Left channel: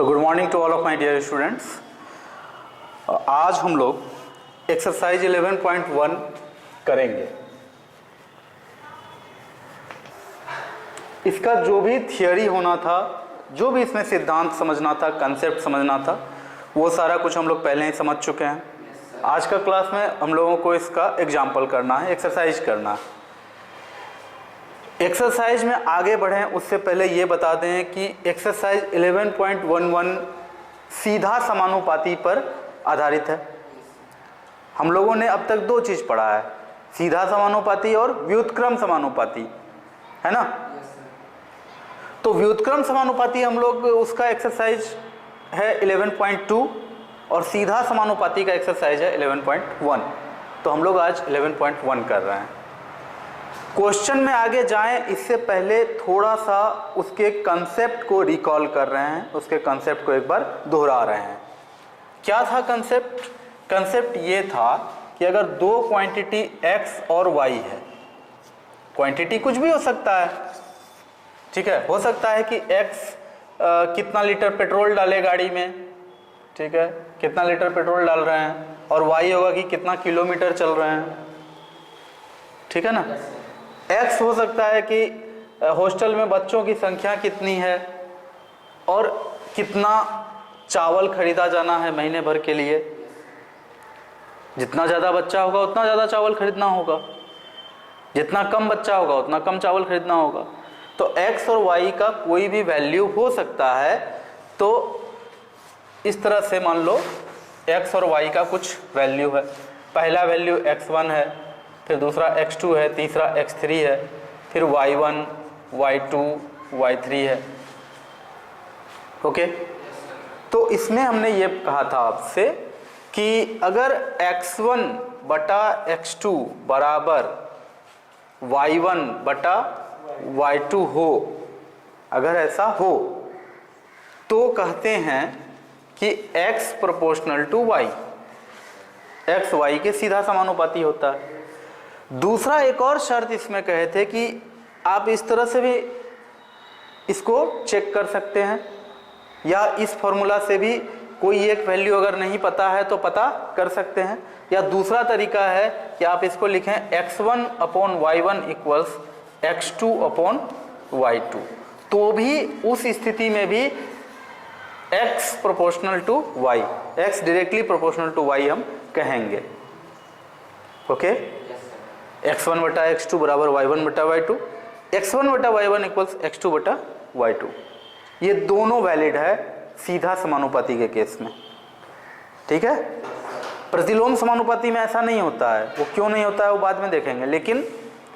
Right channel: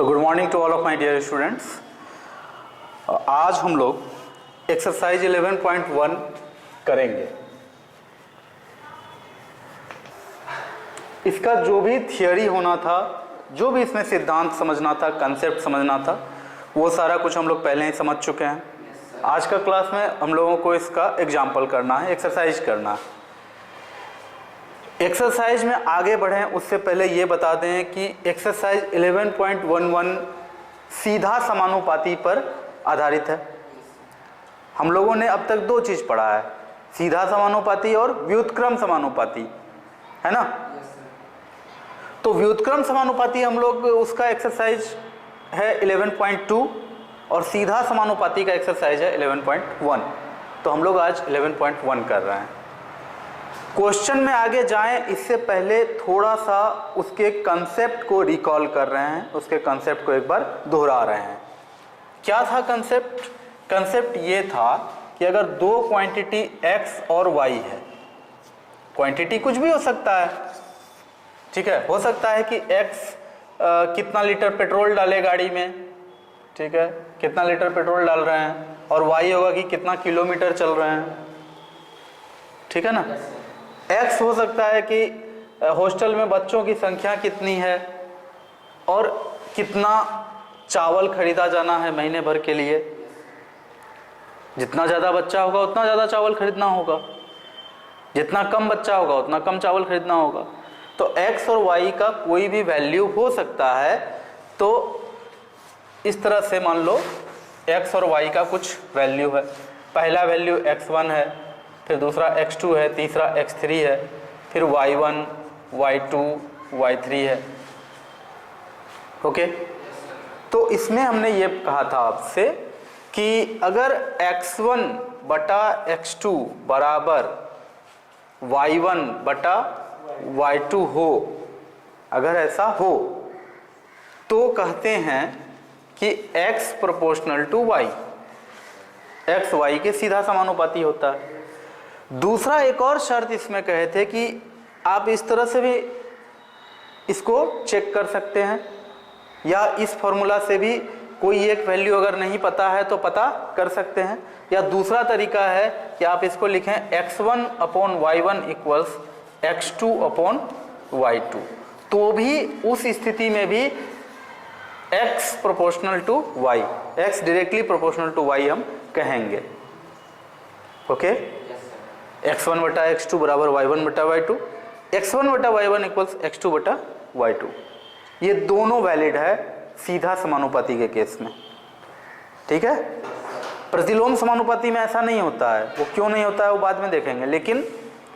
So good morning to all of my dear students. आज हम लोग एक्सरसाइज 11.1 करेंगे। इसका जो भी थियोरी होना था, जो भी इसमें सिद्धांत समझना था, कंसेप्ट समझना था, वो सारा कुछ हम लोग पहले ही समझ चुके हैं। आज का क्लास में हम लोगों को इसका एग्जाम्पल करना है, एक्सरसाइज करना है। एक्सरसाइज में आगे बढ़ें उससे पहले ये बता दें कि एक्सरसाइज 11.11 सीधा समानुपाती पर आधारित है। हम लोगों ने अब तक दो चीज़ पढ़ा है, सीधा समानुपाती और व्युत्क्रम समानुपाती, है ना। तो व्युत्क्रम समानुपाती हम लोग उसका एक्सरसाइज है 11.2 और सीधा समानुपाती का एक्सरसाइज है 11.1। तो हम लोग आज 11.1 कर रहे हैं। क्वेश्चन में आगे जाएं इससे पहले थोड़ा सा उसके कंसेप्ट को रिकॉल कर रहे हैं, उसके कंसेप्ट को एक बार दोहरा रहे हैं। क्या था कंसेप्ट? कंसेप्ट ये था कि अगर दो क्वांटिटी x और y है, क्वांटिटी कुछ भी हो सकता है, ठीक है। हो सकता है कि x कितना लीटर पेट्रोल डाले गाड़ी में, ठीक है, कितना लीटर पेट्रोल डाल रहे हैं, और y होगा कि कितना किलोमीटर चल रहे हैं, ठीक है ना। x हो सकता है कि हॉस्टल में बच्चों की संख्या कितनी है और कितना चावल खरीदा जाना है महीने भर के लिए। जितना ज़्यादा बच्चा होगा उतना ज़्यादा चावल खरीदना होगा, जितना कम बच्चा होगा उतना कम चावल खरीदना होगा। तो x और y का कोई भी वैल्यू हो सकता है। तो इस तरह से मान लो x और y का कुछ वैल्यू है। पहला वैल्यू x1 है, फिर दूसरा x2 है, तीसरा x3 है, फिर y1, y2, y3 है। ओके। तो इसमें हमने ये कहा था आपसे कि अगर x1 बटा x2 बराबर y1 बटा y2 हो, अगर ऐसा हो तो कहते हैं कि x proportional to y, x y के सीधा समानुपाती होता है। दूसरा एक और शर्त इसमें कहे थे कि आप इस तरह से भी इसको चेक कर सकते हैं, या इस फॉर्मूला से भी कोई एक वैल्यू अगर नहीं पता है तो पता कर सकते हैं। या दूसरा तरीका है कि आप इसको लिखें x1 upon y1 equals x2 upon y2। तो भी उस स्थिति में भी x proportional to y, x directly proportional to y हम कहेंगे। ओके। x1 बटा x2 बराबर y1 बटा y2, x1 बटा y1 इक्वल्स x2 बटा y2। ये दोनों वैलिड है सीधा समानुपाती के केस में, ठीक है। प्रतिलोम समानुपाती में ऐसा नहीं होता है, वो क्यों नहीं होता है वो बाद में देखेंगे, लेकिन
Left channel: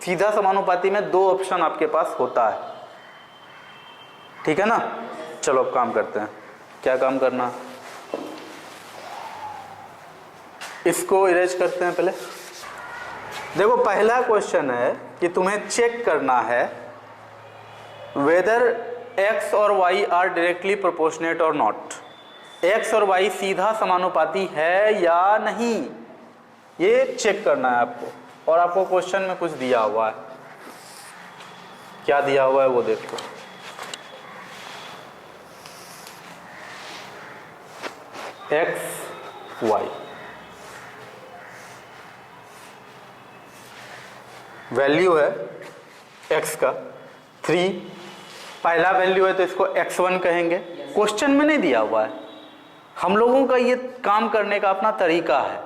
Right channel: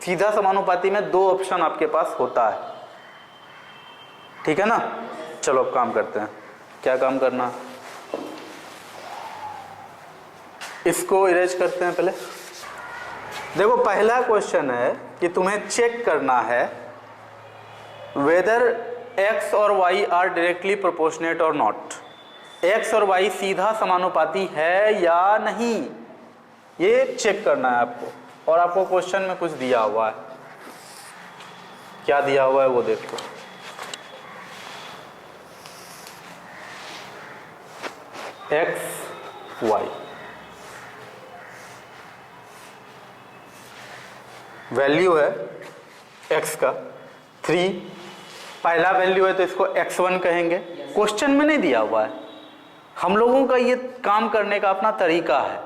सीधा समानुपाती में दो ऑप्शन आपके पास होता है, ठीक है ना। चलो अब काम करते हैं। क्या काम करना, इसको इरेज करते हैं पहले। देखो पहला क्वेश्चन है कि तुम्हें चेक करना है वेदर x और y आर डायरेक्टली प्रोपोर्शनेट और नॉट। x और y सीधा समानुपाती है या नहीं, ये चेक करना है आपको। और आपको क्वेश्चन में कुछ दिया हुआ है, क्या दिया हुआ है वो देखो। x y वैल्यू है x का 3, पहला वैल्यू है तो इसको x1 कहेंगे। क्वेश्चन में नहीं दिया हुआ है, हम लोगों का ये काम करने का अपना तरीका है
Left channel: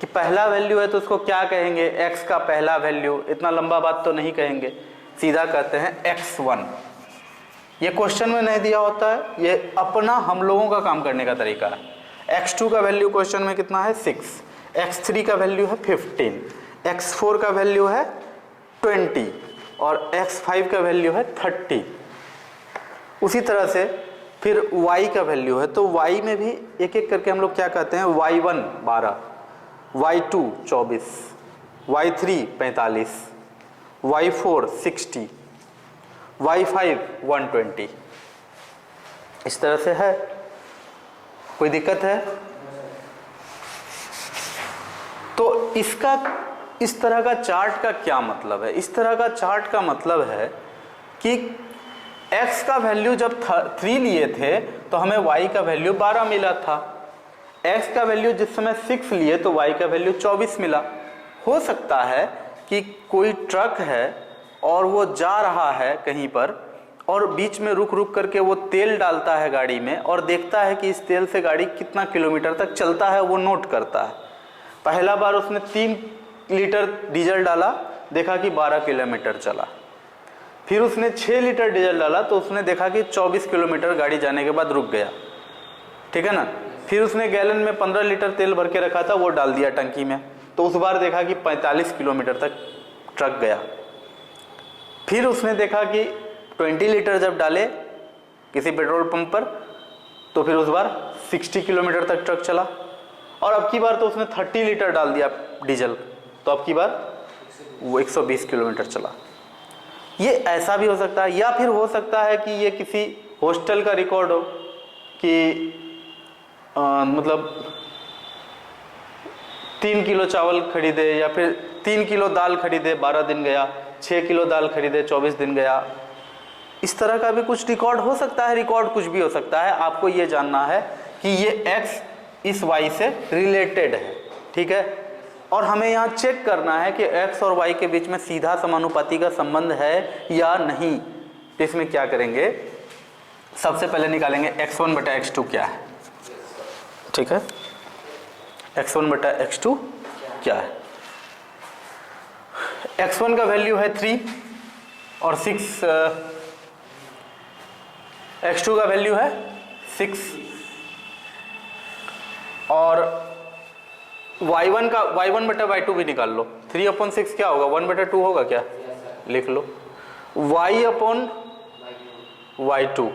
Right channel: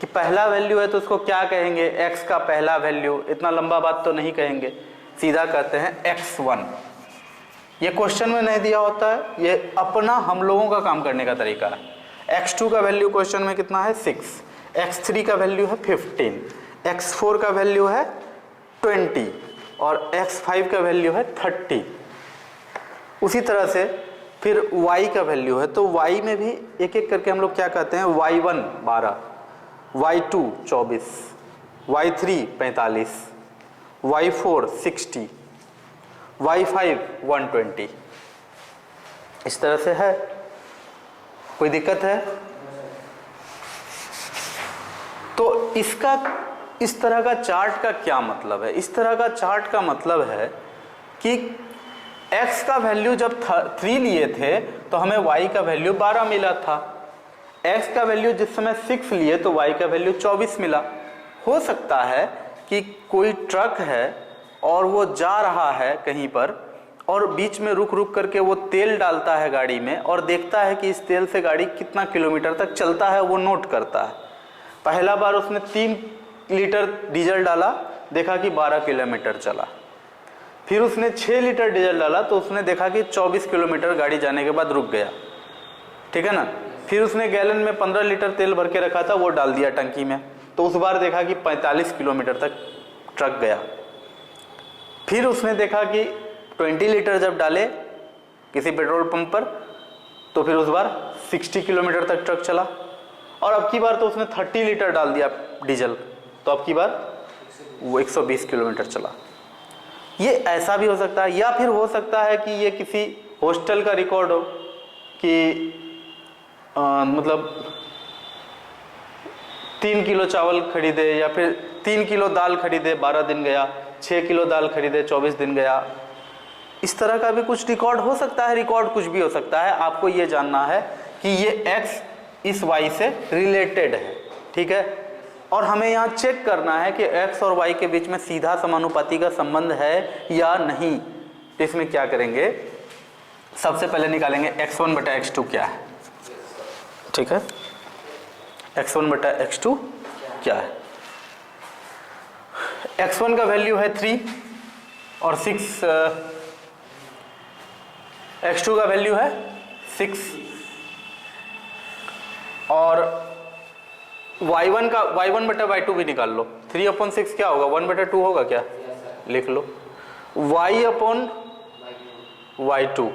कि पहला वैल्यू है तो उसको क्या कहेंगे, x का पहला वैल्यू। इतना लंबा बात तो नहीं कहेंगे, सीधा कहते हैं x1। ये क्वेश्चन में नहीं दिया होता है, ये अपना हम लोगों का काम करने का तरीका है। x2 का वैल्यू क्वेश्चन में कितना है 6, x3 का वैल्यू है 15, x4 का वैल्यू है 20 और x5 का वैल्यू है 30। उसी तरह से फिर y का वैल्यू है, तो y में भी एक एक करके हम लोग क्या कहते हैं, y1 12, y2 24, y3 45, y4 60, y5 120। इस तरह से है, कोई दिक्कत है? तो इसका इस तरह का चार्ट का क्या मतलब है? इस तरह का चार्ट का मतलब है कि x का वैल्यू जब 3 लिए थे तो हमें y का वैल्यू 12 मिला था। x का वैल्यू जिस समय 6 लिए तो y का वैल्यू 24 मिला। हो सकता है कि कोई ट्रक है और वो जा रहा है कहीं पर और बीच में रुक रुक करके वो तेल डालता है गाड़ी में और देखता है कि इस तेल से गाड़ी कितना किलोमीटर तक चलता है, वो नोट करता है। पहला बार उसने 3 लीटर डीजल डाला, देखा कि 12 किलोमीटर चला। फिर उसने 6 लीटर डीजल डाला तो उसने देखा कि 24 किलोमीटर गाड़ी जाने के बाद रुक गया, ठीक है ना। फिर उसने गैलन में 15 लीटर तेल भर के रखा था, वो डाल दिया टंकी में, तो उस बार देखा कि 45 किलोमीटर तक ट्रक गया। फिर उसने देखा कि 20 लीटर जब डाले किसी पेट्रोल पंप पर तो फिर उस बार 60 किलोमीटर तक ट्रक चला। और अब की बार तो उसने 30 लीटर डाल दिया डीजल, तो अब की बार वो 120 किलोमीटर चला। ये ऐसा भी हो सकता है, या फिर हो सकता है कि ये किसी हॉस्टल का रिकॉर्ड हो कि मतलब 3 किलो चावल खरीदे या फिर 3 किलो दाल खरीदे 12 दिन गया, 6 किलो दाल खरीदे 24 दिन गया। इस तरह का भी कुछ रिकॉर्ड हो सकता है, रिकॉर्ड कुछ भी हो सकता है। आपको ये जानना है कि ये x इस y से रिलेटेड है, ठीक है। और हमें यहाँ चेक करना है कि x और y के बीच में सीधा समानुपाती का संबंध है या नहीं। तो इसमें क्या करेंगे, सबसे पहले निकालेंगे x1 बटा x2 क्या है, ठीक है। x1 बटा x2 क्या है। x1 का वैल्यू है 3 और 6, x2 का वैल्यू है 6 और y1 का y1 बटा y2 भी निकाल लो। 3/6 क्या होगा, 1/2 होगा क्या, लिख लो। y/y2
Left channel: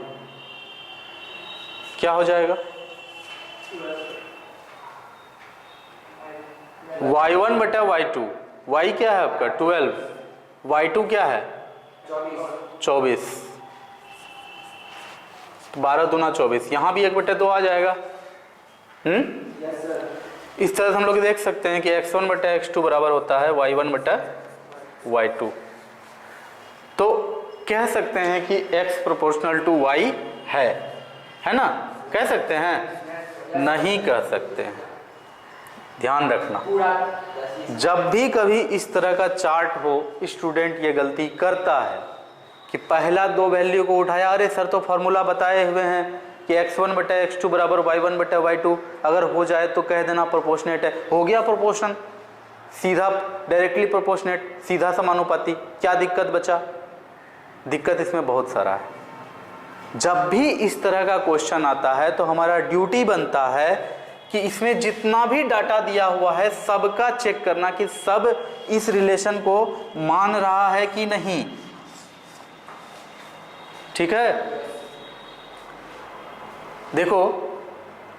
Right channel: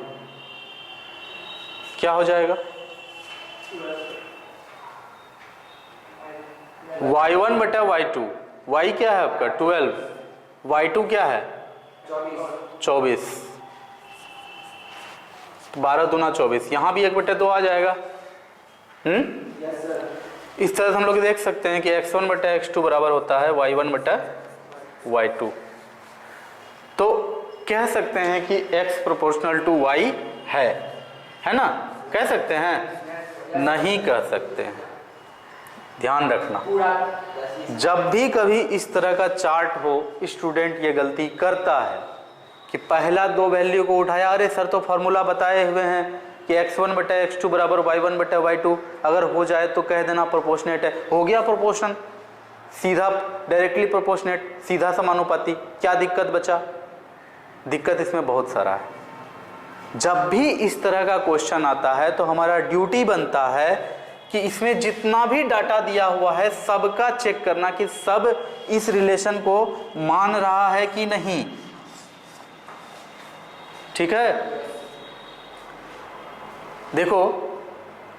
क्या हो जाएगा, y1 बटा y2, y क्या है आपका 12, y2 क्या है 24, 12 दूना 24, यहाँ भी 1/2 आ जाएगा। इस तरह से हम लोग देख सकते हैं कि x1 बटा x2 बराबर होता है y1 बटा y2। तो कह सकते हैं कि x प्रोपोर्शनल टू y है ना, कह सकते हैं, नहीं कह सकते हैं। ध्यान रखना, जब भी कभी इस तरह का चार्ट हो स्टूडेंट ये गलती करता है कि पहला 2 वैल्यू को उठाया, अरे सर तो फॉर्मूला बताए हुए हैं कि x1 बटा x2 बराबर y1 बटा y2, अगर हो जाए तो कह देना प्रोपोर्शनेट है। हो गया प्रोपोर्शन, सीधा डायरेक्टली प्रोपोर्शनेट, सीधा समानुपाती। क्या दिक्कत बचा, दिक्कत इसमें बहुत सारा है। जब भी इस तरह का क्वेश्चन आता है तो हमारा ड्यूटी बनता है कि इसमें जितना भी डाटा दिया हुआ है सबका चेक करना कि सब इस रिलेशन को मान रहा है कि नहीं, ठीक है। देखो,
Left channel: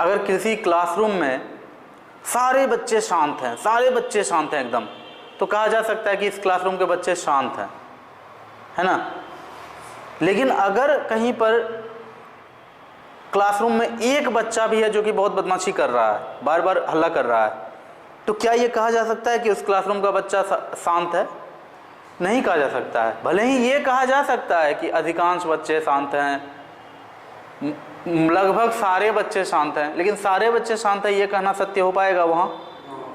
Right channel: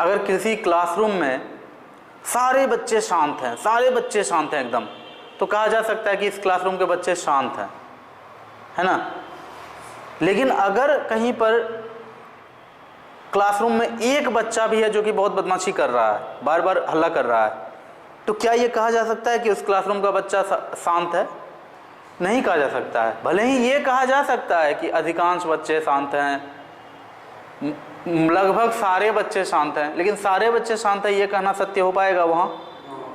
अगर किसी क्लासरूम में सारे बच्चे शांत हैं, सारे बच्चे शांत हैं एकदम, तो कहा जा सकता है कि इस क्लासरूम के बच्चे शांत हैं, है ना। लेकिन अगर कहीं पर क्लासरूम में एक बच्चा भी है जो कि बहुत बदमाशी कर रहा है, बार बार हल्ला कर रहा है, तो क्या ये कहा जा सकता है कि उस क्लासरूम का बच्चा शांत है? नहीं कहा जा सकता है। भले ही ये कहा जा सकता है कि अधिकांश बच्चे शांत हैं, लगभग सारे बच्चे शांत हैं, लेकिन सारे बच्चे शांत हैं ये कहना सत्य हो पाएगा, वहाँ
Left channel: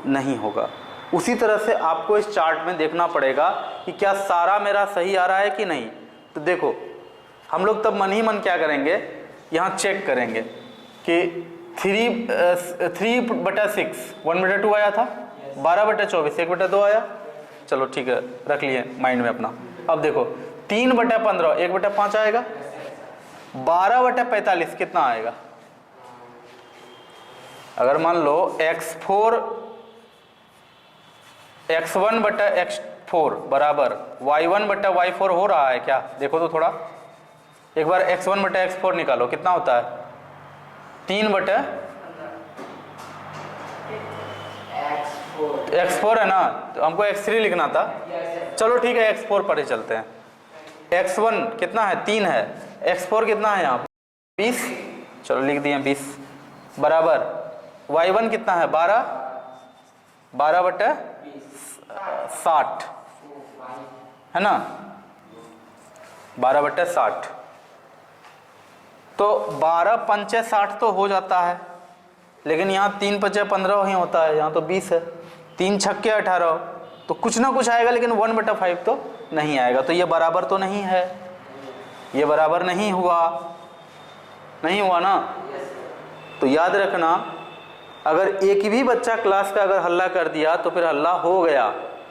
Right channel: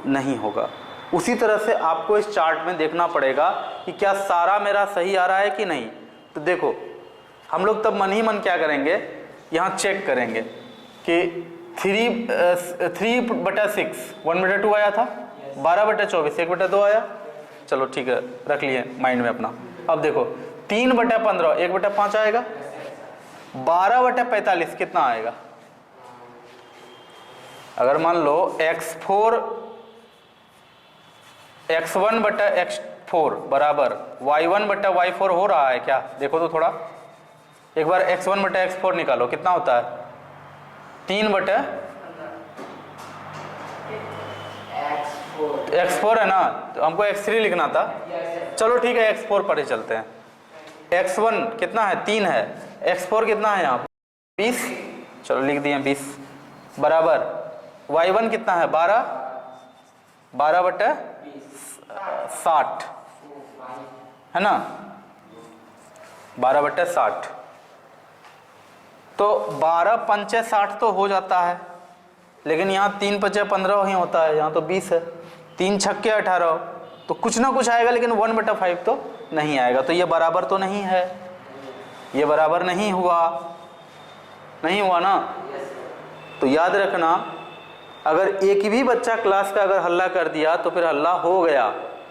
नहीं होगा। उसी तरह से आपको इस चार्ट में देखना पड़ेगा कि क्या सारा मेरा सही आ रहा है कि नहीं। तो देखो, हम लोग तब मन ही मन क्या करेंगे, यहाँ चेक करेंगे कि 3/6 1/2 आया था, 12/24 1/2 आया, चलो ठीक है, रख लिए माइंड में अपना। अब देखो 3/15 1/5 आएगा, 12/45 कितना आएगा। अगर मान लो x1 बटा x4 बराबर y1 बटा y4 हो रहा है क्या, देखो तो थोड़ा, एक बार x1 बटा x4 निकालो, कितना होता है 3/x4 है ना, तो हमको x3 लिखना था। चलो ठीक है, x4 पर ही चलते हैं। x1 कितना है 3 है, x4 कितना है यहाँ 20, चलो लिख दिए 20 बराबर y1 कितना है 12/60 है ना, 12/60 तो 12 पंचे 60 तो हो जाता है, लेकिन यहाँ 3 पंचे 15 ही होता है, यहाँ तो 20 है। 3 छक्के 18, तो कुछ ना कुछ आएगा, लेकिन 1/5 तो नहीं आएगा। तो ये बराबर तो नहीं है, ये बराबर नहीं हुआ, नहीं हुआ ना। तो याद रखना, अगर एक भी बच्चा क्लास का अगर हल्ला कर दिया तो फिर हल्ला हो गया,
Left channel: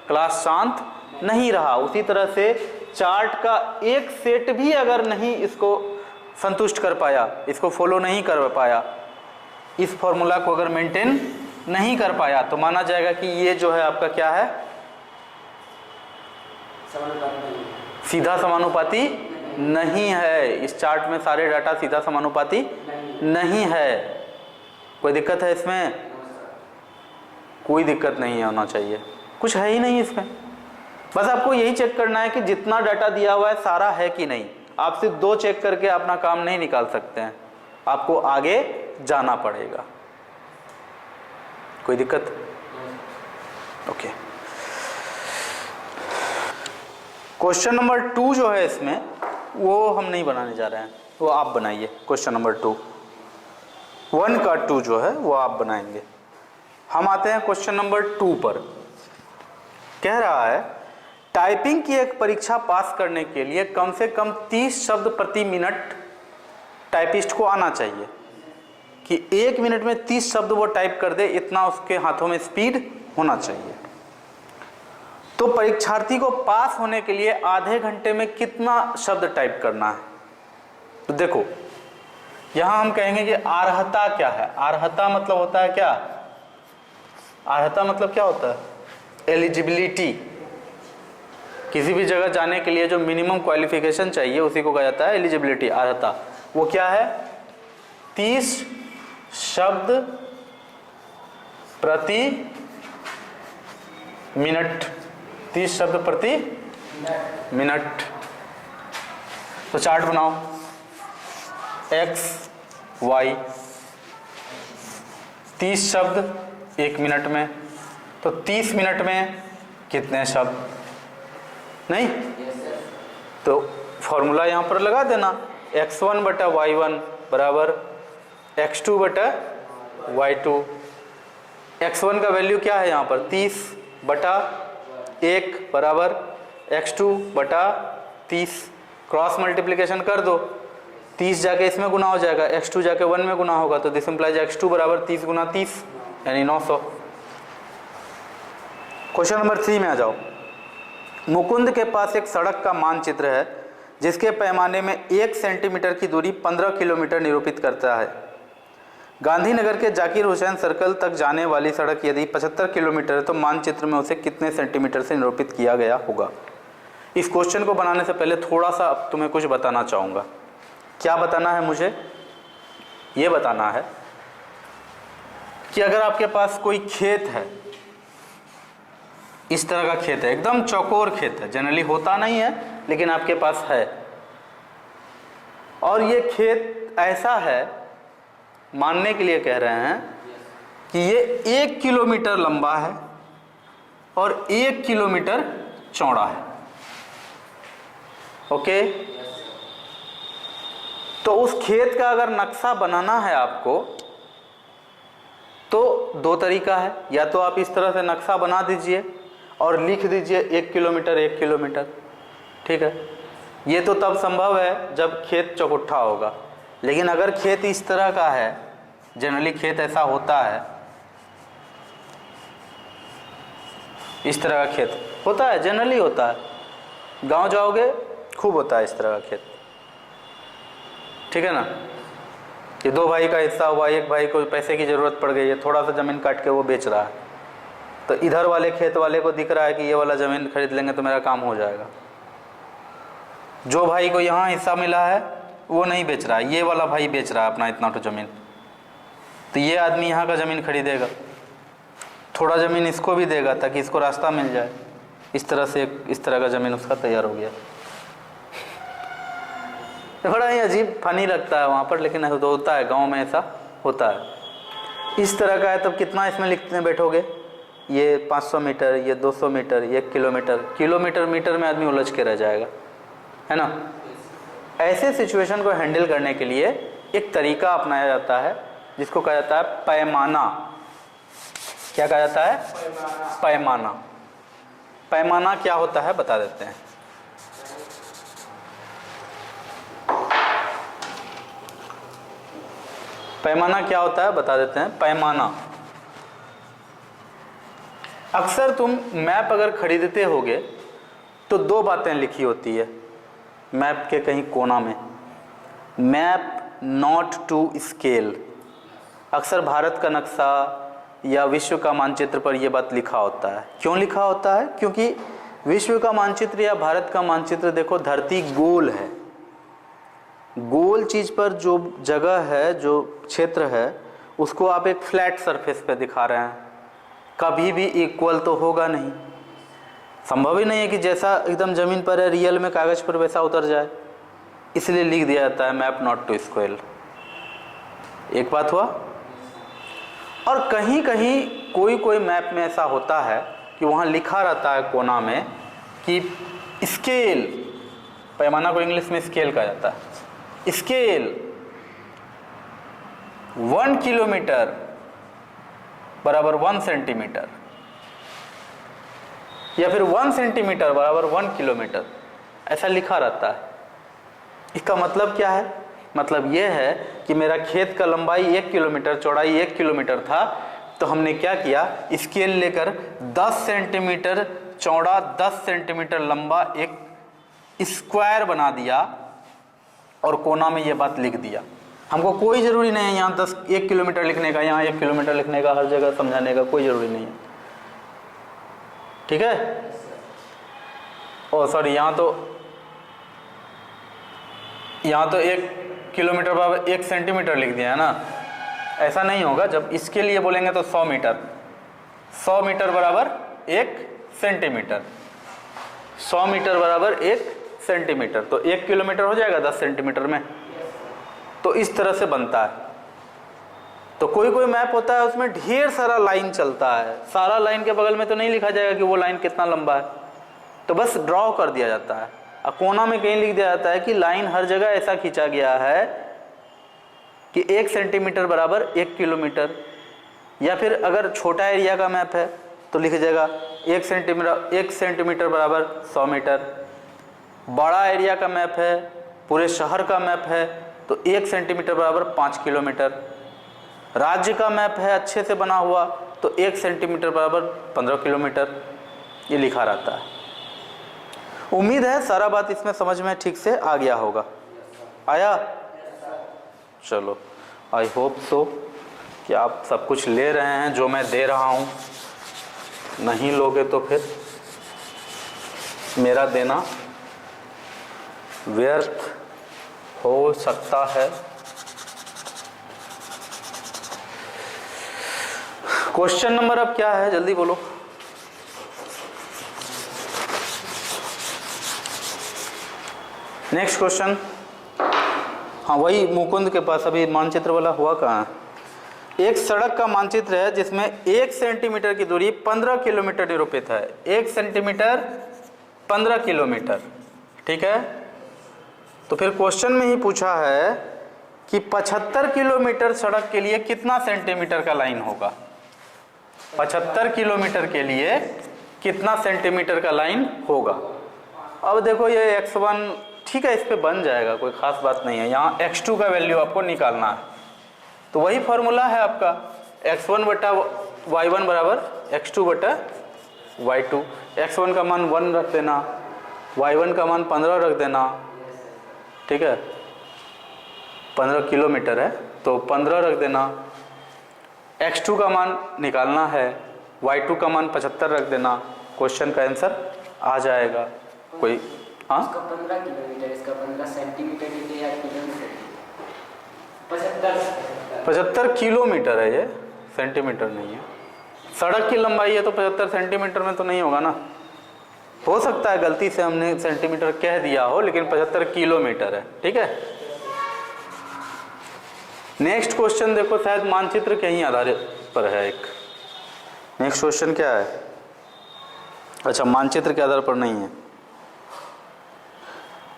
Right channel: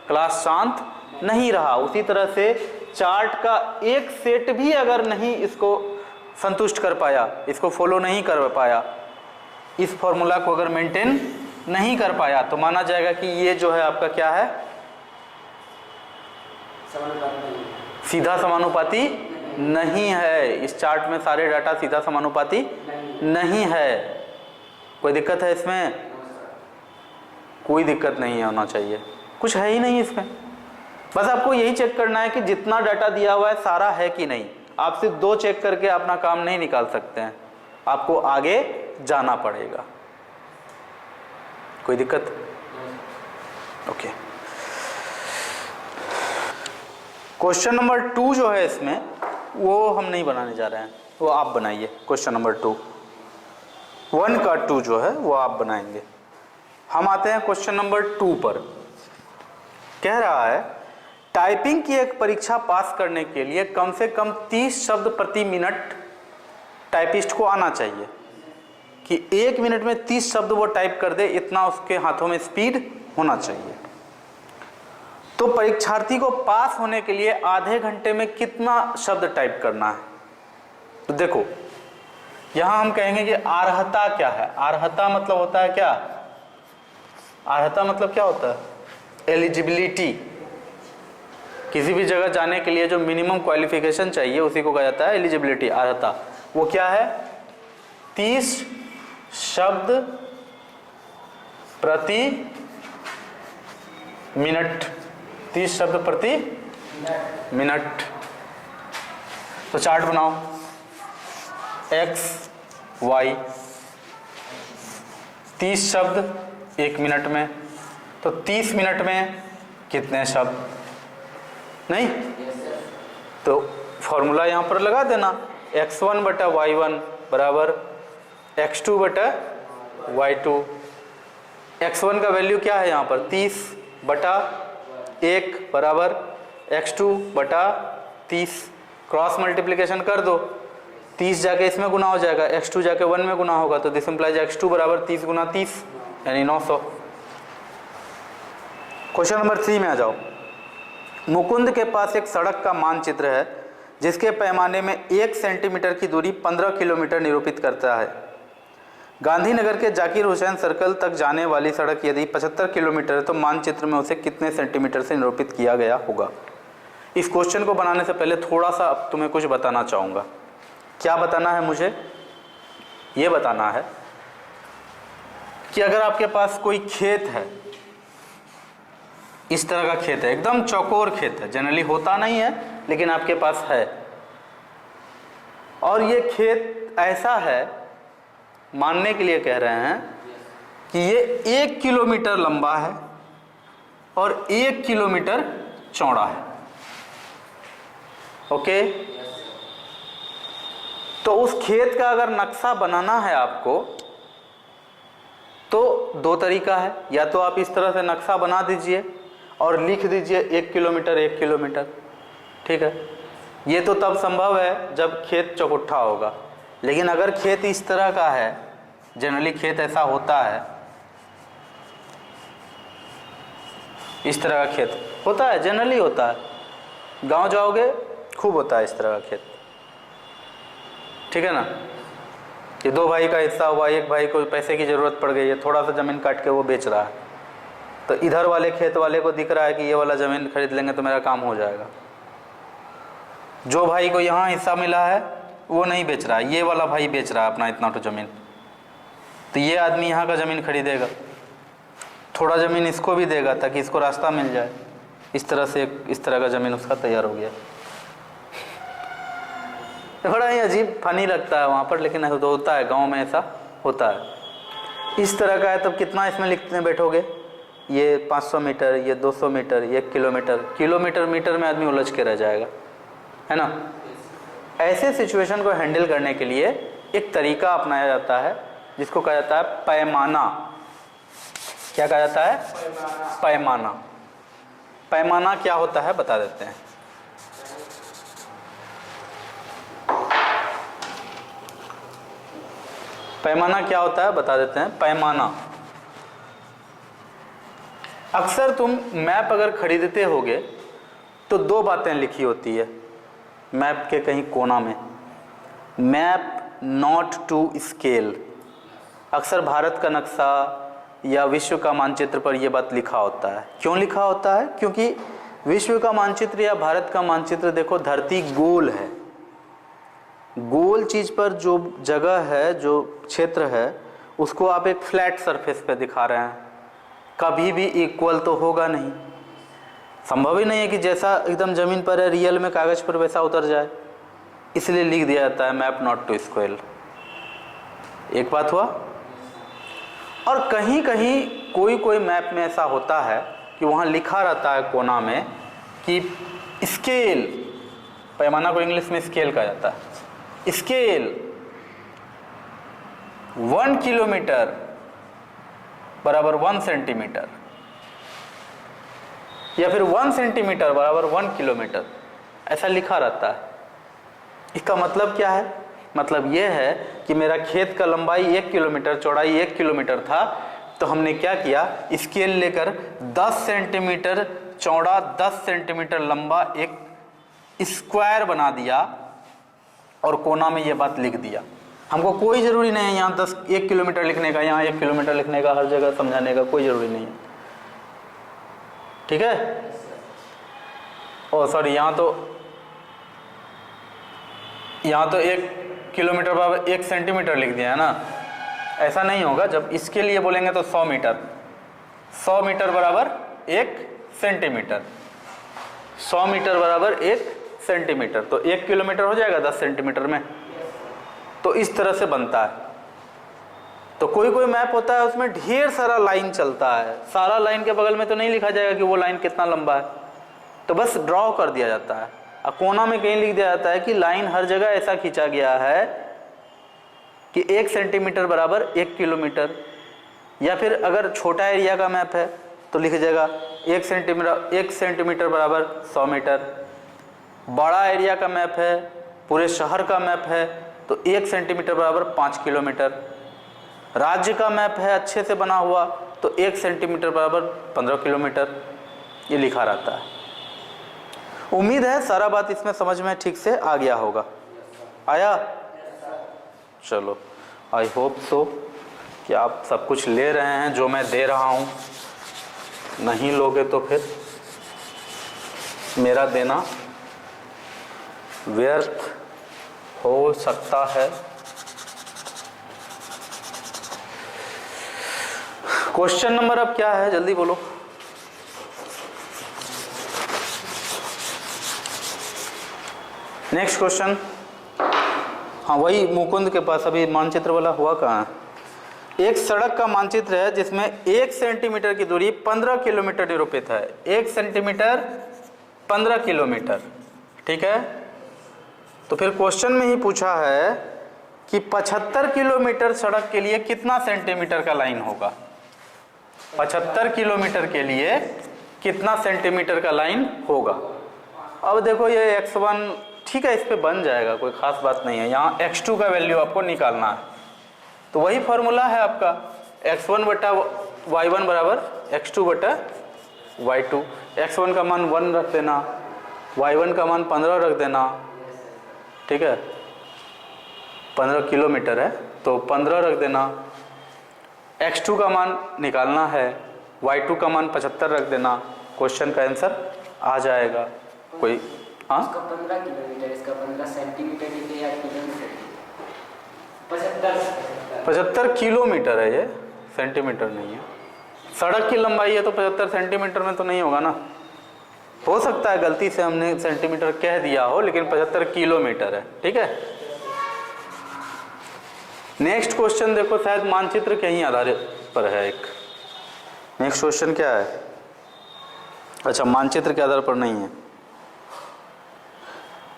क्लास शांत नहीं रहा। उसी तरह से चार्ट का एक सेट भी अगर नहीं इसको संतुष्ट कर पाया, इसको फॉलो नहीं कर पाया, इस फॉर्मूला को अगर मेंटेन नहीं कर पाया, तो माना जाएगा कि ये जो है आपका क्या है, सीधा समानुपाती नहीं है। इस चार्ट में सारे डाटा सीधा समानुपाती नहीं है। कोई दिक्कत है इसमें? कोई दिक्कत नहीं होना चाहिए, कुछ है ही नहीं इसमें। बस आपको यही चेक करना है कि जितना डाटा दिया हुआ है सारा है कि नहीं। आप सिर्फ 2 चेक करके अपना काम नहीं निकाल सकते हैं, आपको आगे जाना पड़ेगा। कोई दिक्कत? ओके। क्वेश्चन नंबर 2 जो है इसमें, वो हम नहीं बनाने जा रहे हैं, वो आप बनाइए। क्वेश्चन नंबर 2, 1 का 2 जो है वो आप बनाएंगे। हम आते हैं क्वेश्चन नंबर 2 पर। कह रहा है टाइपिंग की एक परीक्षा पास करने के लिए कम से कम 30 शब्द प्रति मिनट टाइपिस्ट को आना चाहिए, कि 1 मिनट में 30 शब्द वो टाइप कर दे, इतना उसके हाथों में स्पीड होना चाहिए। तो परीक्षार्थी को पास होने के लिए आधे घंटे में कितना शब्द टाइप करना है? तो देखो, यहां हम कहेंगे कि अर्हता क्या है। अर्हता मतलब होता है क्या? अर्हता मतलब क्या होता है? एलिजिबिलिटी। किसी भी जगह जाने के लिए जो मिनिमम क्वालिफिकेशन चाहिए उसी को कहा जाता है एलिजिबिलिटी, अर्हता। वो क्या है? 30 शब्द प्रति मिनट, 30 शब्द प्रति मिनट। तो चार्ट बनाओ, x y, 30 शब्द 1 मिनट में, तो 30 मिनट में कितने शब्द? नहीं, तो फॉर्मूला यहाँ पर लगा देना, x1 बटा y1 बराबर x2 बटा y2। x1 का वैल्यू क्या है यहाँ पर? 30 बटा 1 बराबर x2 बटा 30। क्रॉस मल्टीप्लिकेशन कर दो, 30 जाके इसमें गुना हो जाएगा, x2 जाके 1 में गुना होगा, तो दिस इंप्लाइज x2 बराबर 30 गुना 30 यानी 900। क्वेश्चन नंबर 3 में आ जाओ। मुकुंद के पास एक सड़क का मानचित्र है जिसके पैमाने में 1 सेंटीमीटर की दूरी 15 किलोमीटर निरूपित करता है। गांधीनगर के जाकिर हुसैन सर्कल तक जाने वाली सड़क यदि 75 किलोमीटर है तो मानचित्र में उसे कितने सेंटीमीटर से निरूपित किया गया होगा? इस क्वेश्चन को बनाने से पहले थोड़ा सा अब तुम्हें कुछ बताना चाहूँगा। क्या बताना है मुझे? ये बताना है कि अगर आपके पास कोई खेत है, इस तरह का खेत है, एकदम चौकोर खेत है, जनरली होता नहीं है लेकिन आपके पास है, और ये खेत ऐसा है, मानने के लिए कह रहे हैं कि ये 1 किलोमीटर लंबा है और 1 किलोमीटर चौड़ा है। ओके, तो उस खेत का अगर नक्शा बनाना है आपको तो 2 तरीका है। या तो आप इस तरह से नक्शा बना दीजिए और लिख दीजिए 1 किलोमीटर 1 किलोमीटर, ठीक है। ये तो तब संभव है जब खेत चौकुट्ठा होगा, लेकिन अगर खेत इस तरह का है, जनरली खेत ऐसा होता है, इस तरह का खेत होता है, जनरली होता है, गांव जाओगे खूब होता है इस तरह का खेत, ठीक है ना। ये 2 भाई का हिस्सा हुआ, एक भाई को पैसे की ज़रूरत पड़ गई है, थोड़ा सा ज़मीन काट के वो बेच रहा है, तो इधर वाले खेत वाले को दिख रहा है कि ये वाला ज़मीन खरीद लेंगे तो मेरा काम हो जाएगा। जो भाई को यहाँ हिस्सा मिला है वो नहीं बेच रहा है, ये वाला भाई बेच रहा है अपना इतना तो ज़मीन, तो ये आदमी यहाँ का ज़मीन खरीदेगा, थोड़ा ज़मीन इसको भी देगा ताकि इसको रास्ता मिल जाए। इस तरह से इस तरह का ज़मीन उसका तैयार हो गया। बड़ा ही अजीब फनी लगता है वहाँ पर, लेकिन होता है, गांव में ऐसा होता है। इस तरह का है तब कितना इसमें लिखने बैठोगे? ये 500 मीटर, ये 200 मीटर, ये 1 किलोमीटर, किलोमीटर मीटर में आदमी उलझ के रह जाएगा, है ना। ऐसे सिचुएशन को हैंडल करने के लिए एक तरीका अपनाया जाता है जिसको कहा जाता है पैमाना। क्या कहा जाता है? पैमाना। पैमाना क्या होता है बता देते हैं। पैमाना क्या होता है बता देते हैं। पैमाना, अक्सर तुम मैप अगर खरीदते होगे तो दो बातें लिखी होती है मैप के कहीं कोना में, मैप नॉट टू स्केल। अक्सर भारत का नक्शा या विश्व का मानचित्र पर यह बात लिखा होता है। क्यों लिखा होता है? क्योंकि विश्व का मानचित्र या भारत का मानचित्र, देखो धरती गोल है, गोल चीज़ पर जो जगह है, जो क्षेत्र है, उसको आप एक फ्लैट सरफेस पे दिखा रहे हैं, कभी भी इक्वल तो होगा नहीं। संभव ही नहीं है कि जैसा एकदम ज़मीन पर है रियल में कागज़ पर वैसा उतर जाए, इसलिए लिख दिया जाता है मैप नॉट टू स्केल। एक बात हुआ। और कहीं कहीं कोई मैप में ऐसा होता है कि वहाँ लिखा रहता है कोना में कि स्केल, पैमाना को इंग्लिश में स्केल कहा जाता है, स्केल 1 किलोमीटर बराबर 1 सेंटीमीटर, या फिर 1 सेंटीमीटर बराबर 1 किलोमीटर, ऐसा लिखा रहता है। इसका मतलब क्या है? मतलब यह है कि मेरा खेत का लंबाई 1 किलोमीटर, चौड़ाई 1 किलोमीटर था, तो हमने क्या किया, स्केल लेकर 10 सेंटीमीटर चौड़ा 10 सेंटीमीटर लंबा एक स्क्वायर बना दिया और कोना में ये बात लिख दिया। हमको कोई ज़रूरी नहीं है यहाँ 1 किलोमीटर लिखने का, यहाँ 1 किलोमीटर लिखने का, हर जगह समझाने का कोई ज़रूरी नहीं है। ठीक है? ओ सॉरी, यहाँ तो 1 किलोमीटर बराबर 1 सेंटीमीटर लिख दिया है ना, ऐसा नहीं होगा। जब इसके लिए बोलेंगे तो 100 मीटर, 100 मीटर बराबर 1 सेंटीमीटर, 100 मीटर बराबर 1 सेंटीमीटर, तो 1 किलोमीटर हो जाएगा 10 सेंटीमीटर में। तो इस तरह से बनता है। तो कोई मैप होता है उसमें ढेर सारा लाइन चलता है, सारा लाइन के बगल में तो नहीं लिखा जाएगा कि वो लाइन कितना लंबा है, तो बस ड्रॉ कर दिया जाता है। और कोना में कहीं लिख दिया जाता है कि लाइन हर जगह ऐसा खींचा गया है कि 1 सेंटीमीटर बराबर 1 किलोमीटर। या फिर अगर छोटा एरिया का मैप है तो लिख जाएगा 1 सेंटीमीटर बराबर 100 मीटर। बड़ा एरिया का मैप है, पूरे शहर का मैप है, तो 1 सेंटीमीटर बराबर 5 किलोमीटर। राज्य का मैप है अच्छे से बना हुआ, तो 1 सेंटीमीटर बराबर 15 किलोमीटर, ये लिखा रहता है। उम्मीद है सारा बात इसमें समझ में ठीक से आ गया होगा। आया? चलो, आई होप सो कि आप सब कुछ ले रहे हैं जो मैं दे रहा हूँ। नहीं लोगे तो फिर मेरा देना व्यर्थ हो सकता है। क्वेश्चन नंबर अब क्या है, जल्दी बोलो। Next question. हाँ, वही मुकुंद के पास अभी मानचित्र वाला हुआ कहाँ है? एक सड़क का मानचित्र है जिसमें 1 सेंटीमीटर की दूरी 15 किलोमीटर निरूपित है। 1 सेंटीमीटर 15 किलोमीटर, ठीक है। तो फिर क्वेश्चन में ही पूछा है कि 75 किलोमीटर सड़क के लिए कितना सेंटीमीटर का लाइन होगा। 75 किलोमीटर के लिए कितना सेंटीमीटर का लाइन होगा। अब देखो ये x1 ठीक है, इस पे बन जाएगा, कोई खास बात नहीं है। यहाँ x2 का वैल्यू आपको निकालना है, तो वही फॉर्मूला है आपका x1 बटा y1 बराबर x2 बटा y2। x1 का मान 1 रख देना, y1 का मान 15 रख देना, ठीक है। 15 किलोमीटर है तो 15 रख देना। x2 का मान निकालना है, y2 का मान 75 रख देना, क्वेश्चन का आंसर आ जाएगा। कोई हाँ, इसका 15 किलोमीटर, इसका 15 सेंटीमीटर या किलोमीटर? 75 किलोमीटर है, ये सेंटीमीटर नहीं है। सड़क की लंबाई है तो 75 सेंटीमीटर में तो नहीं होगा ना। हो सकता है गलती से हमने सेंटीमीटर कह दिया हो, लेकिन 75 किलोमीटर है, ठीक है। नेक्स्ट क्वेश्चन देखो, शायद मानचित्र के ही आधार पर है एक। नेक्स्ट क्वेश्चन क्या है? अच्छा, मानचित्र के आधार पर नहीं है।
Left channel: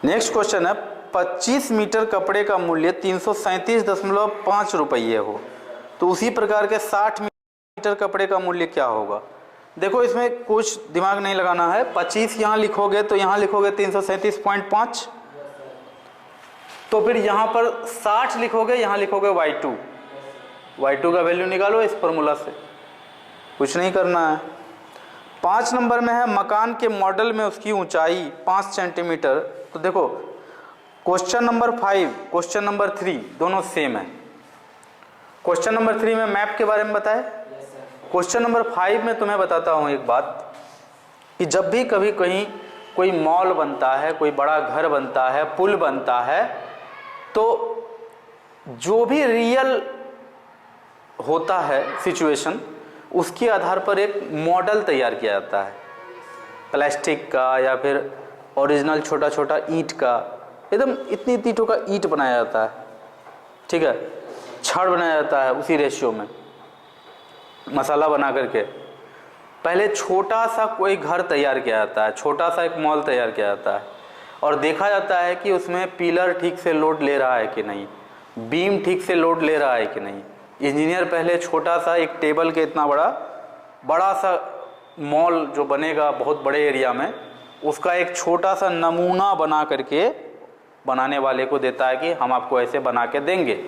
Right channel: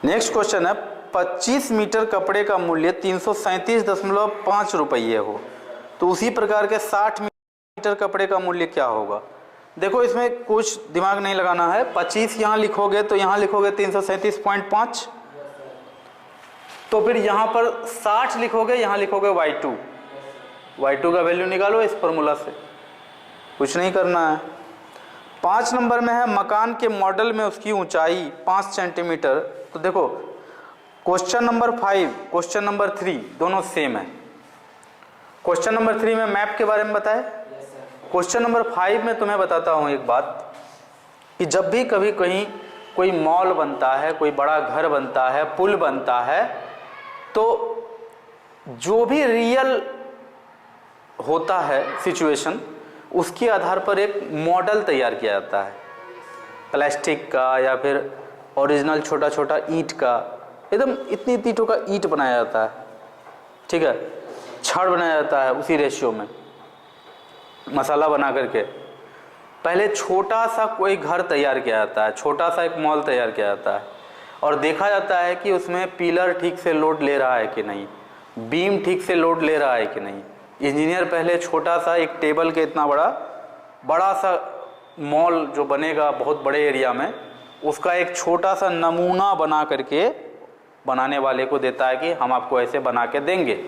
नेक्स्ट क्वेश्चन है 25 मीटर कपड़े का मूल्य 337.5 रुपये हो, तो उसी प्रकार के 60 मीटर कपड़े का मूल्य क्या होगा। देखो इसमें कुछ दिमाग नहीं लगाना है, 25 यहाँ लिखोगे तो यहाँ लिखोगे 337.5, तो फिर यहाँ पर 60 लिखोगे, यहाँ लिखोगे y2 का वैल्यू निकालो इस फॉर्मूला से, कुछ नहीं करना है। 5 नंबर में है मकान के मॉडल में उसकी ऊंचाई 5 सेंटीमीटर। तो देखो क्वेश्चन नंबर 5, क्वेश्चन नंबर 3 दोनों सेम है। क्वेश्चन नंबर 3 में मैप के बारे में बताए, क्वेश्चन नंबर 5 में तुम्हें बताता हूँ एक बात कि जब भी कभी कहीं कोई मॉल बनता है, कोई बड़ा घर बनता है, पुल बनता है, तो जो भी रियल होता है सिचुएशन, उसके आधार पर एक मॉडल तैयार किया जाता है, प्लास्टिक का या फिर ओरिजिनल छोटा छोटा ईंट का, एकदम इतनी ईंटों का ईंट बनाया जाता है, ठीक है, छड़ बनाया जाता है उसी रेशियो में मसाला बना करके। पहले छोटा सा कोई घर तैयार किया जाता है, छोटा सा एक मॉल तैयार किया जाता है, और देखा जाता है कि उसमें पिलर ठीक से लोड ले रहा है कि नहीं, बीम ठीक से लोड ले रहा है कि नहीं। इंजीनियर पहले छोटा सा एक टेबल के इतना बड़ा सा मॉल जो बनेगा बहुत बड़े एरिया में, उसका एक छोटा सा नमूना बना करके बनाने वाले को देता है कि हम आपको ऐसे बना के देंगे,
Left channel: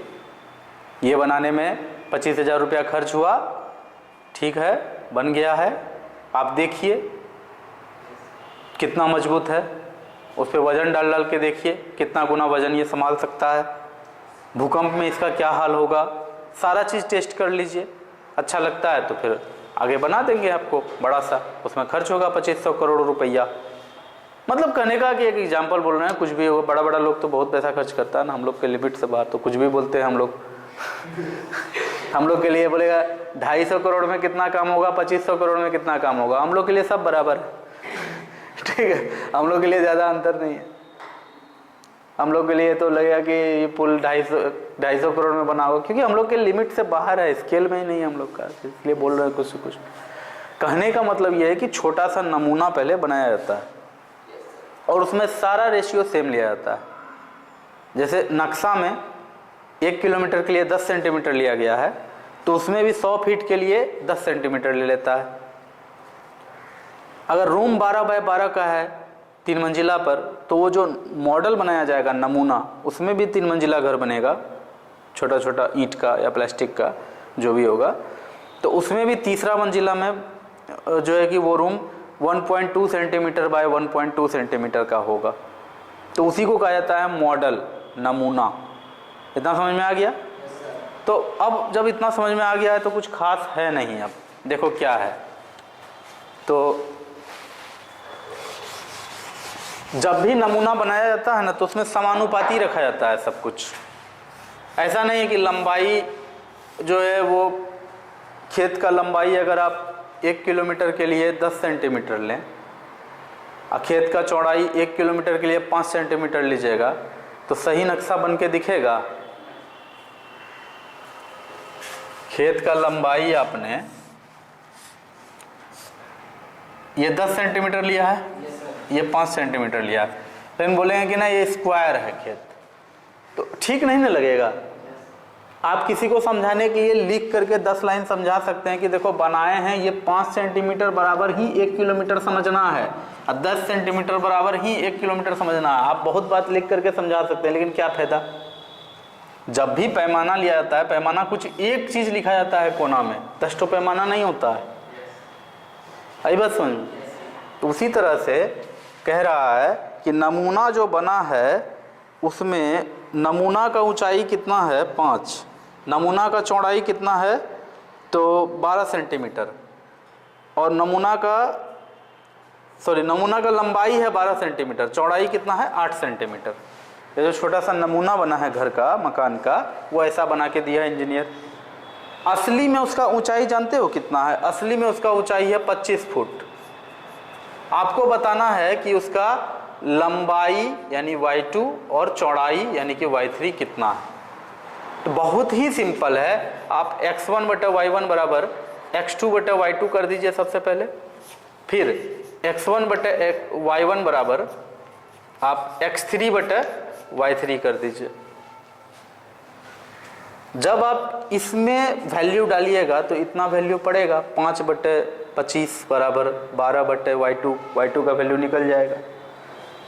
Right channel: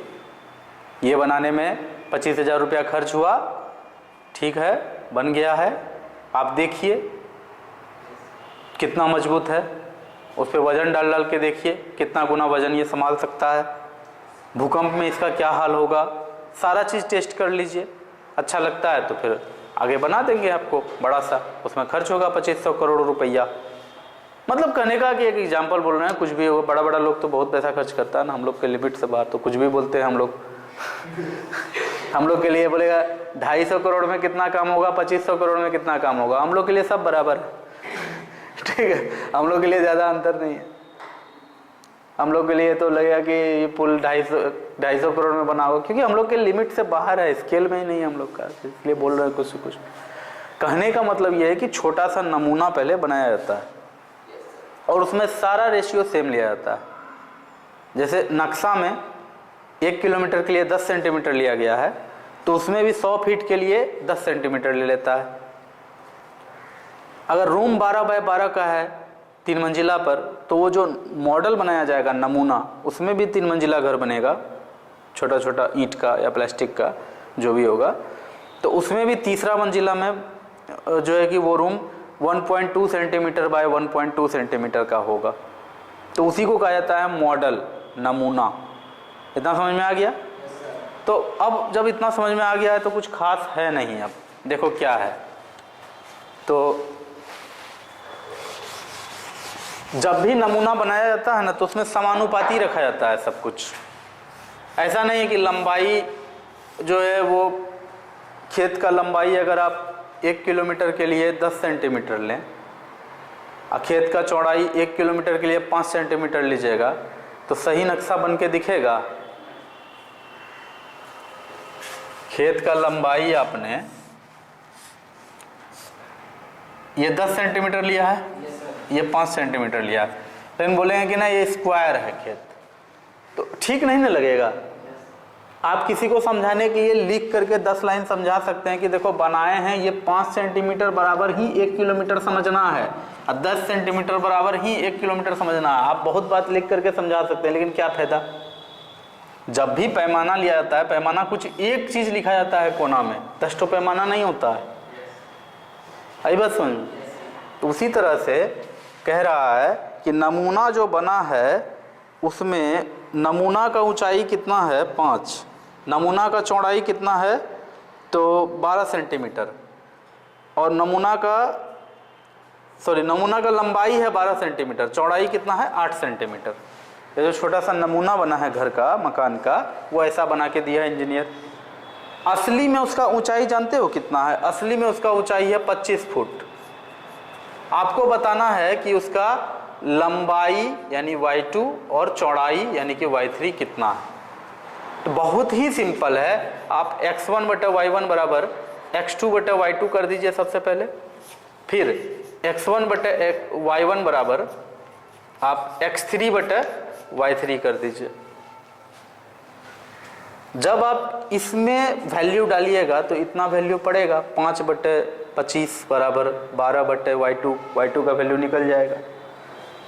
ये बनाने में 25,000 रुपया खर्च हुआ, ठीक है, बन गया है, आप देखिए कितना मजबूत है, उस पर वज़न डाल डाल के देखिए कितना गुना वज़न ये संभाल सकता है, भूकंप में इसका क्या हाल होगा, सारा चीज़ टेस्ट कर लीजिए। अच्छा लगता है तो फिर आगे बना देंगे आपको बड़ा सा, उसमें खर्च होगा 2500 करोड़ रुपया। मतलब कहने का कि एक एग्जांपल बोल रहे हैं, कुछ भी होगा, बड़ा बड़ा लोग तो बहुत पैसा खर्च करता है ना, हम लोग के लिमिट से बाहर तो कुछ भी बोलते हैं हम लोग हम लोग के लिए बोलेगा 250 करोड़ में कितना काम होगा, 2500 करोड़ में कितना काम होगा, हम लोग के लिए सब बराबर है ठीक है, हम लोग के लिए ज़्यादा अंतर नहीं है। हम लोग के लिए तो लगेगा कि ये पुल 250 करोड़ में बना होगा, क्योंकि हम लोग के लिमिट से बाहर है, स्केल में ही नहीं है हम लोग का, इसलिए बोल रहे हैं कुछ। कहने का मतलब ये है कि छोटा सा नमूना पहले बनाया जाता है और उसमें सारा रेशियो सेम लिया जाता है। जैसे नक्शा में 1 किलोमीटर के लिए 10 सेंटीमीटर लिया गया है, तो उसमें भी 100 फीट के लिए 10 सेंटीमीटर ले लेता है। अगर रूम 12 बाय 12 का है 3 मंजिला पर, तो वो जो मॉडल बनाया जाएगा नमूना, उसमें भी 3 मंजिला घर बनेगा, छोटा छोटा ईंट का या प्लास्टिक का जो भी होगा, तो उसमें भी तीसरा मंजिला में जो है कि वो रूम 1.2 सेंटीमीटर बाय 1.2 सेंटीमीटर का होगा, तो उसी को कहा जाता है मॉडल, नमूना। इतना समझ में आ गया? तो अब जब इतना समझ में आ गया है तो कुछ खास है नहीं। अब देखो क्या है, तो जब भी नमूना बनाया जाता है ना, तो उसमें समानुपाती रखा जाता है सब कुछ। ऐसा नहीं है कि लंबाई जो है वो खेत का लंबाई अगर आप 1 किलोमीटर के लिए 10 सेंटीमीटर लें और खेत का चौड़ाई 1 किलोमीटर के लिए 5 सेंटीमीटर लीजिएगा, तो सही नक्शा बन के दिखेगा। खेत का लंबाई आपने ये 10 सेंटीमीटर लिया है, ये 5 सेंटीमीटर लिया है, लेकिन बोलेंगे कि ना ये स्क्वायर है खेत, तो ठीक नहीं ना लगेगा। आप किसी को समझाने के लिए लिख करके 10 लाइन समझा सकते हैं कि देखो बनाए हैं ये 5 सेंटीमीटर बराबर ही 1 किलोमीटर समझना है, और 10 सेंटीमीटर बराबर ही 1 किलोमीटर समझना है। आप बहुत बात लिख करके समझा सकते हैं, लेकिन क्या फायदा। जब भी पैमाना लिया जाता है, पैमाना कुछ एक चीज़ लिखा जाता है कोना में, 10 तो पैमाना नहीं होता है। आई बात समझ। तो उसी तरह से कह रहा है कि नमूना जो बना है उसमें नमूना का ऊंचाई कितना है 5, नमूना का चौड़ाई कितना है तो 12 सेंटीमीटर, और नमूना का लंबाई है 12 सेंटीमीटर, चौड़ाई कितना है 8 सेंटीमीटर। ये जो छोटा सा नमूना बना है घर का, मकान का, वो ऐसा बना के दिया है इंजीनियर। असली में उसका ऊंचाई जानते हो कितना है? असली में उसका ऊंचाई है 25 फुट। आपको बताना है कि उसका लंबाई यानी y2 और चौड़ाई यानी कि y3 कितना है। तो बहुत ही सिंपल है, आप x1 बटा y1 बराबर x2 बटा y2 कर दीजिए सबसे पहले, फिर x1 बटा y1 बराबर आप x3 बटा y3 कर दीजिए। जब आप इसमें वैल्यू डालिएगा तो इतना वैल्यू पड़ेगा, 5/25 बराबर 12/y2, y2 का वैल्यू निकल जाएगा।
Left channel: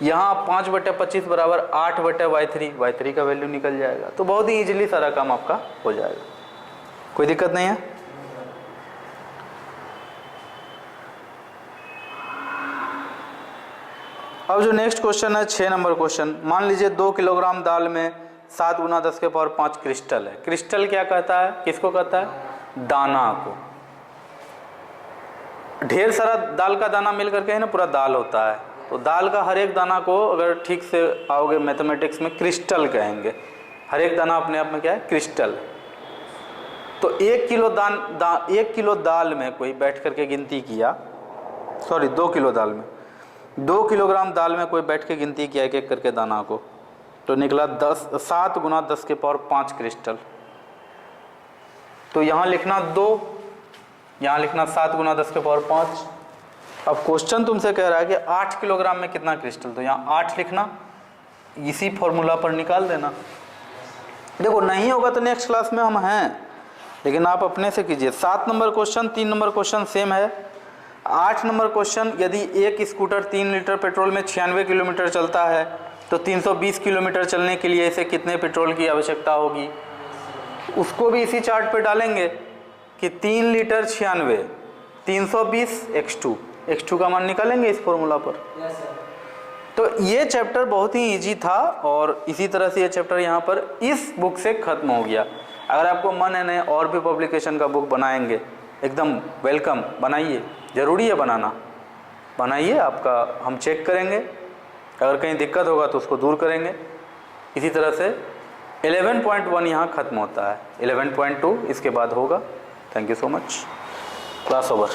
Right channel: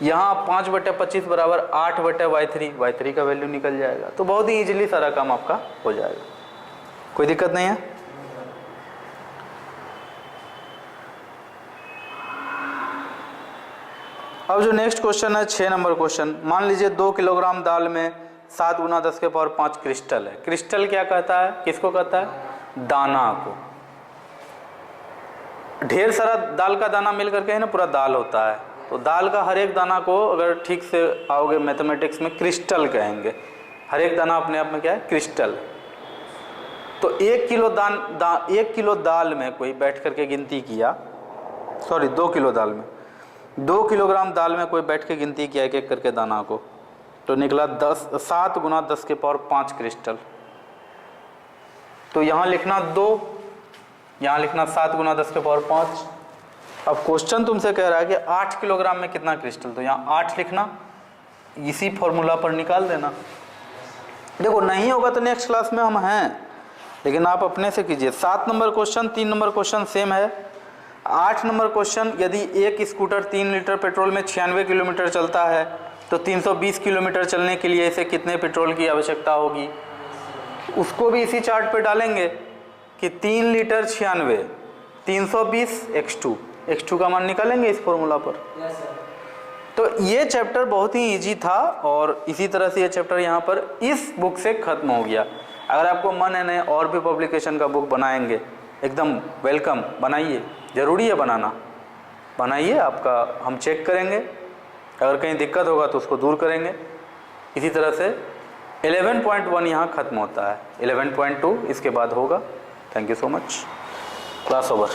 यहाँ 5/25 बराबर 8/y3 का वैल्यू निकल जाएगा। तो बहुत ही इजीली सारा काम आपका हो जाएगा, कोई दिक्कत नहीं है। अब जो नेक्स्ट क्वेश्चन है 6 नंबर क्वेश्चन, मान लीजिए 2 किलोग्राम दाल में 7 × 10⁵ क्रिस्टल है। क्रिस्टल क्या कहता है, किसको कहता है? दाना को। ढेर सारा दाल का दाना मिल करके है ना पूरा दाल होता है, तो दाल का हर एक दाना को अगर ठीक से आओगे मैथमेटिक्स में क्रिस्टल कहेंगे। हर एक दाना अपने आप में क्या है? क्रिस्टल। तो 1 किलो दाल में कोई बैठ करके गिनती किया, सॉरी 2 किलो दाल में, 2 किलोग्राम दाल में कोई बैठ के गिनती किया एक एक करके दाना को, तो निकला 7 × 10⁵ क्रिस्टल। तो यहाँ लिखना 2, यहाँ लिखना 7 × 10⁵। अब क्वेश्चन तुमसे कह रहा है कि 8 किलोग्राम में कितना क्रिस्टल, तो यहाँ 8 लिखना, इसी फॉर्मूला पर निकाल देना। देखो नहीं होगा तो नेक्स्ट क्लास में हम हैं, लेकिन आप अपने से कीजिए। 7 number question 3 number question same है। 8 नंबर क्वेश्चन, यदि एक स्कूटर 3 लीटर पेट्रोल में 96 किलोमीटर चलता है तो 320 किलोमीटर चलने के लिए इसे कितने पेट्रोल की आवश्यकता होगी? उसको भी इसी चार्ट पे डालेंगे कि 3 लीटर 96, 320 x2 का मान निकालेंगे इस फॉर्मूला पर। तो ये चैप्टर बहुत ही इजी था और इसी तरह से ये चैप्टर यहाँ पर इस बुक से ख़त्म हो गया। अगर आपको मन है नए और भी पब्लिकेशन का बुक बनाएंगे, एकदम वेलकम, बनाइए, ज़रूरी है बनाना, बनाइए, आपका हम चेक करेंगे, अगर कहीं दिक्कत होगा तो उसको दूर करेंगे। इसी तरह से 11.1 यहाँ ख़त्म होता है, 11.2 इसके बाद होगा। Thank you so much, class over.